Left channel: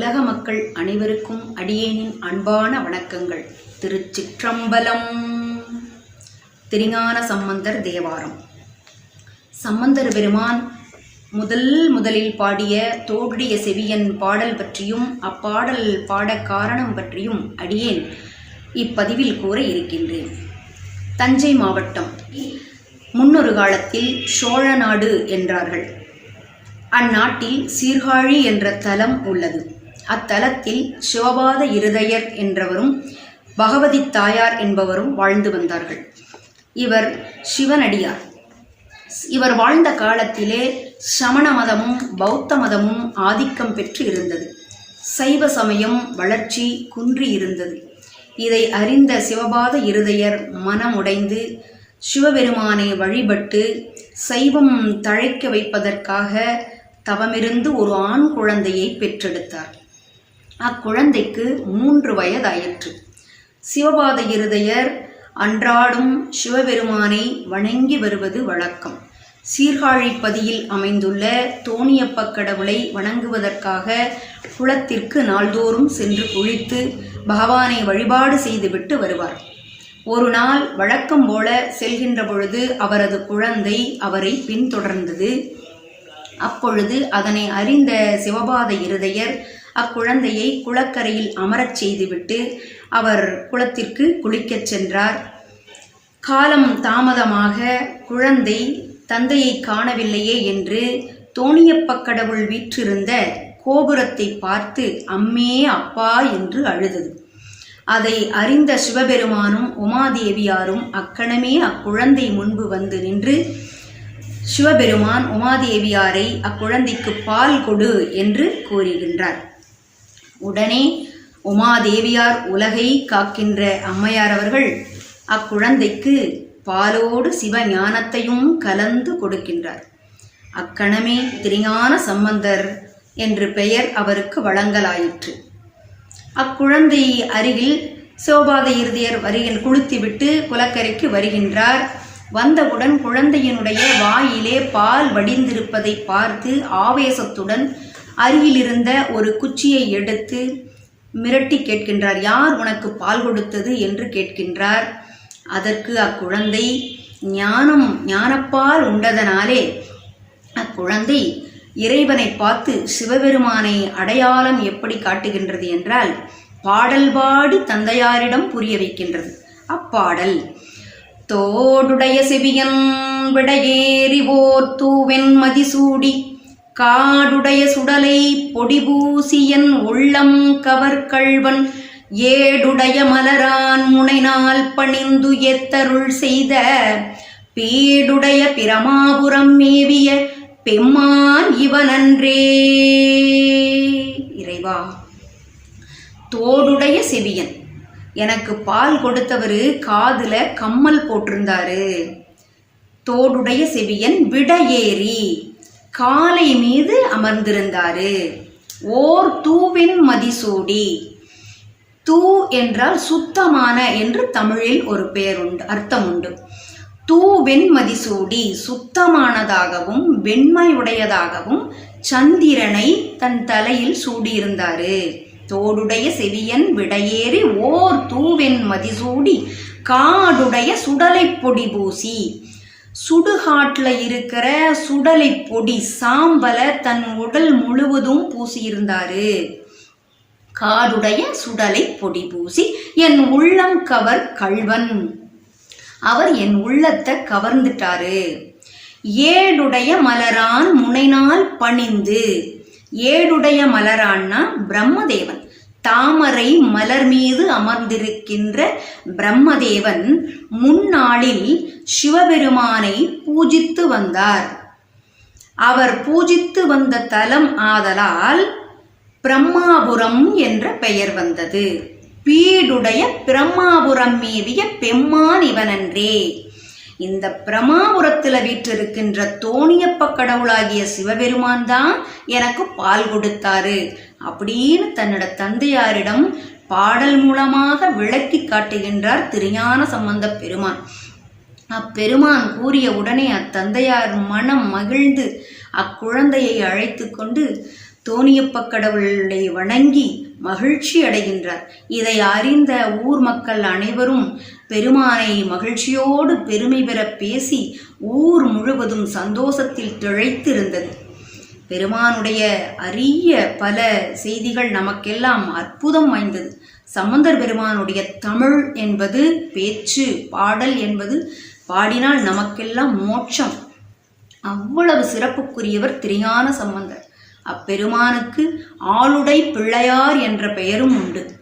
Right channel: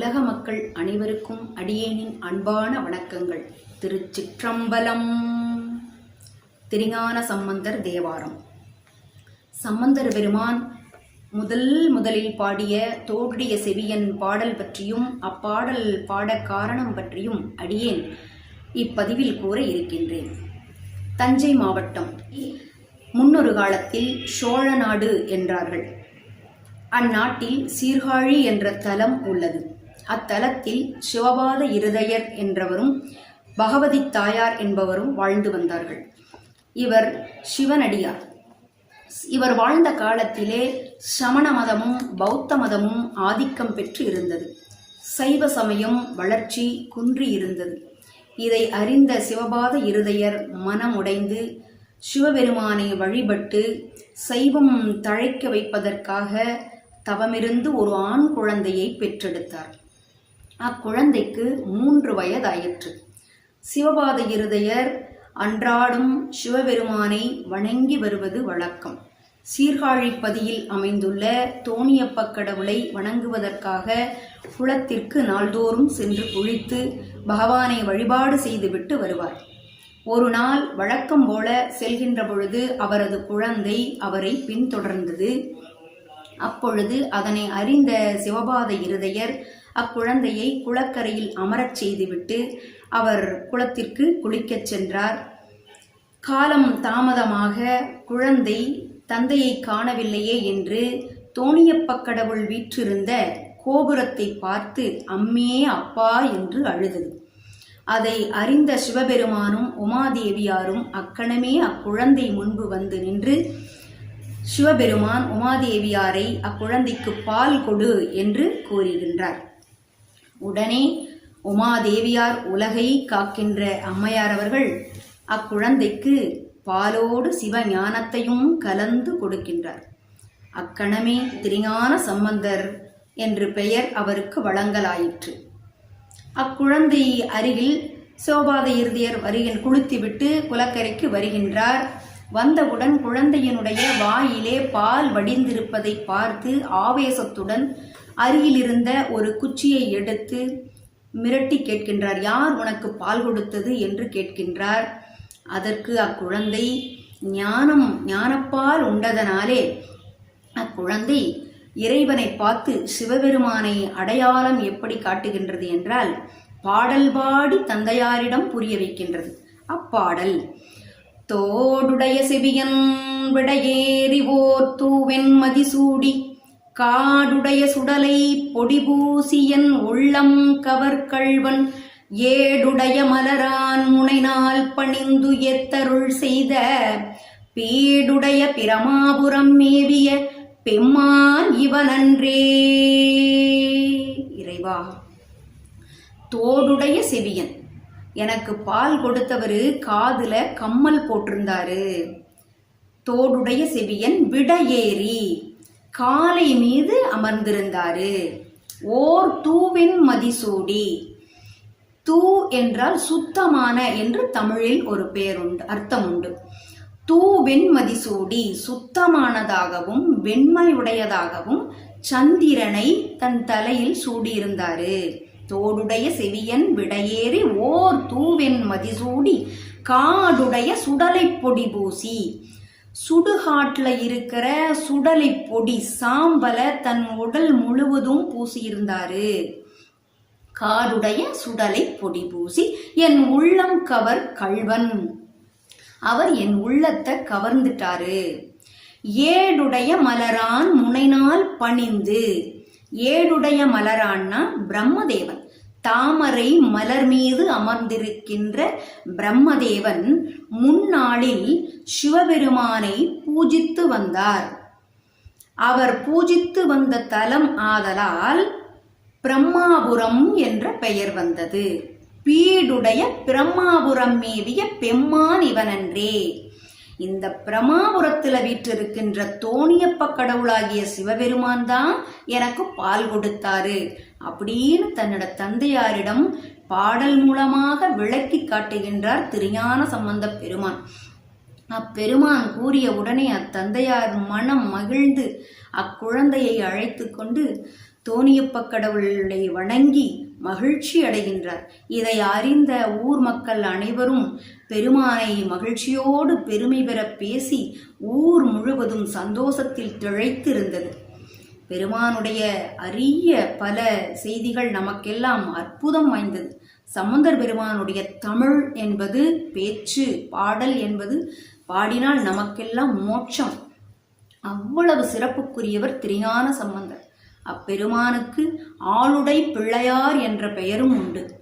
உலக மக்கள் அனைவருக்கும் அடியேனின் அன்பான வணக்கங்கள். திருச்சிற்றம்பலம். திருஞான சம்பந்தர் தேவாரம். சம்பந்தர் பெருமான் முதல் முதலில் பாடிய தோடுடைய செவியன் பாடல் பற்றியும் அப்பாடல் பாட காரணம் பற்றியும் அடியேன் இப்பதிவில் கூற இருக்கின்றேன். தஞ்சை மாவட்டம் முன்னொரு காலத்தில் சோழ நாடு என்றார்கள். அந்நாட்டில் சீர்காழி என்ற தலம் உள்ளது. அத்தலத்தில் சிவபாத இருதயர் என்றவரும் பகவதி தாயார் என்பவரும் வாழ்ந்து வந்தார்கள். இவர் சிவனடியார். இவர் வாழ்ந்த காலத்திலே சமண மதமும் பௌத்த மதமும் ஆதிக்கம் பெற்று இருந்தது. சைவ சமயம் வளர்ச்சி குன்றி இருந்தது. இதை அறிந்த சிவபாத இருதயர் மனமுடைந்து சிவபெருமானை வழிபட்டு சைவம் தழைக்க வைப்பதற்காக தவமிருந்து ஒரு ஆண் குழந்தையை பெற்றெடுத்தார். அக்குழந்தைக்கு மூன்று வயதாயிற்று. சிவபாத இருதயர் அன்றாடும் சிவபெருமானை வணங்கி வருவது வழக்கம். சீர்காழிப்பதியில் அமைந்துள்ள தோணியப்ப கடவுளை வணங்குவதற்காக குளத்திற்கு நாள்தோறும் சென்று குளித்து பகவானை வழிபாடு செய்துவிட்டு வருவார். ஒரு நாள் வழக்கம் போல செல்கின்ற பொழுது அவரது குழந்தை அவரை பின்தொடர்ந்தது. அப்பொழுது அதனை அறிந்த சிவபாத இருதயர் அக்குழந்தையை குளக்கரையில் அமரச் செய்துவிட்டு அவர் குளத்திற்கு குளிக்கச் சென்றார். காலம் தாமதமாக குழந்தை தந்தையை காணவில்லையே என்று தோணியப்ப கடவுள் வீற்றிருந்த கோபுரத்தை பார்த்து அம்மே அப்பா என்று அழுதது. அதை அறிந்த சிவபெருமானும் உமாதேவியாரும் அக்கணமே அக்குழந்தை முன்பு வந்து நின்று சிவபெருமான் உமாதேவியாரை அக்குழந்தைக்கு பால் கொடு என்று கூறுகின்றார். உடனே உமாதேவியார் உலகை காக்கின்ற அம்மையார் அவர்கள் அக்குழந்தைக்கு பாலோடு சிவ ஞானத்தையும் கலந்து கொடுக்கின்றார். அக்கணமே திருஞான சம்பந்தர் என்று பெயர் அவருக்கு வழங்கலாயிற்று. அக்குழந்தை அருகில் சோபாத இறுதியர் வருகின் குளுத்திவிட்டு குலக்கரைக்கு வருகின்றார். வந்தவுடன் குழந்தையினுடைய வாயிலே பால் வடிந்திருப்பதை பார்த்து ஆவேசத்துடன் அருகிலிருந்த ஒரு குச்சியை எடுத்து மிரட்டி கேட்கின்றார். யார் உனக்கு பால் கொடுத்தது? என்று கேட்கின்றார். அதற்கு அக்குழந்தை ஞானம் ஞானப்பால் உண்டதனாலே அக்குழந்தை இறைவனை பார்த்து சிவபெருமானை அடையாளம் எப்படி காட்டுகின்றது என்றால் பாடல் பாடி தந்தையாரிடம் புரிய வைக்கின்றது. அப்பாடல். தோடுடைய செவியன் விடையேறி ஓர் தூவென் மதிசூடி காடுடைய சுடலை பொடிபூசியன் உள்ளம் கவர்கள்வன் ஏடுடைய மலரான் முனைநாள் பணிந்து எத்தருள் செய்த. பீடுடைய பிரமாபுரம் மேவிய பெம்மான் இவனன்றே. இறைவா தோடுடைய செவியன். எனக்கு பால் கொடுத்தவர் காதுல கம்மல் போட்டிருந்தாரு. தோடுடைய செவியன் விடையேறி. காலை மீது அமர்ந்திருந்தாரு. ஓர் தூவின் மதிசூடி. தூ என்றால் சுத்தமான என்று தமிழில் ஒரு பெயர் உண்டு அர்த்தம் உண்டு தூ வெண்மதிசூடி சுத்தமானதாகவும் வெண்மையுடையதாகவும் சந்திரனை தன் தலையில் சூடியிருந்தாரு. தோடுடைய செவியன் விடையேறி ஓர் தூவென் மதிசூடி காடுடைய சுடலை பொடி பூசி சுடுகாட்டில் இருக்கிற சுடலை பொடி சாம்பலை தன் உடல் முழுவதும் பூசியிருந்தாரு. காடுடைய சுடலை பொடி பூசி என் உள்ளம் கவர் கள்வன். அவர் என் உள்ளத்தை கவர்ந்துட்டாரு. ஏடுடைய மலரான் முனைநாள் பணிந்து. ஏடுடைய மலரான்னா பிரம்மதேவன். தாமரை மலர் மீது அமர்ந்திருக்கின்ற பிரம்மதேவன் முன்னாளில் சிவபெருமானை பூஜித்து வந்தார். அவர் பூஜித்து வந்த தலம் ஆதலால் பிரம்மாபுரம் என்ற பெயர் வந்தது. பீடுடைய பிரம்மாபுரம் மேவிய பெம்மான் இவனன்றே. இந்த பிரமாபுரத்தில் வீற்றிருக்கின்ற தோணியப்ப கடவுளாகிய சிவபெருமான் தான் எனக்கு பால் கொடுத்தாரு அப்படின்னு தன்னோட தந்தையாரிடம் பாடல் மூலமாக விளக்கி காட்டுகின்றார் திருஞான சம்பந்த பெருமான். அப்பெருமான் கூறிய உடனே அத்தந்தையார் மனம் மகிழ்ந்து அக்குழந்தையை அழைத்து கொண்டு தோணியப்ப கடவுளை வணங்கி மகிழ்ச்சி அடைகின்றார். இதை அறிந்த ஊர் மக்கள் அனைவரும் பெருமானை மகிழ்ச்சியோடு பெருமை பெற பேசி ஊர் முழுவதும் சந்தோஷத்தில் திளைத்திருந்தது. பெருமானுடைய அரிய பல செய்திகள் நமக்கெல்லாம் அற்புதம் வாய்ந்தது. சம்பந்தர் பெருமானுடைய தமிழ் என்பது பேச்சு பாடல் என்பது பாடினால் நமக்கெல்லாம் மோட்சம். அவ்வளவு சிறப்புக்குரியவர் திரியான சம்பந்தர். அப்பெருமானுக்கு ஆளுடை பிள்ளையார் என்ற பெயரும் உண்டு.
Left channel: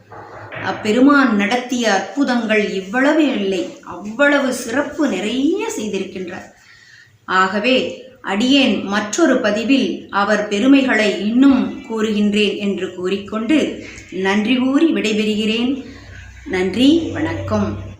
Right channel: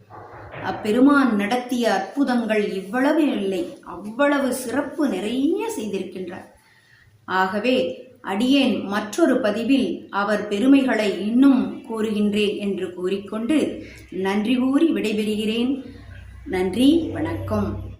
அப்பெருமான் நடத்திய அற்புதங்கள் இவ்வளவு இல்லை அவ்வளவு சிறப்பு நிறைய செய்திருக்கின்றார். ஆகவே அடியேன் மற்றொரு பதிவில் அவர் பெருமைகளை இன்னும் கூறுகின்றேன் என்று கூறிக்கொண்டு நன்றி கூறி விடைபெறுகிறேன். நன்றி வணக்கம்.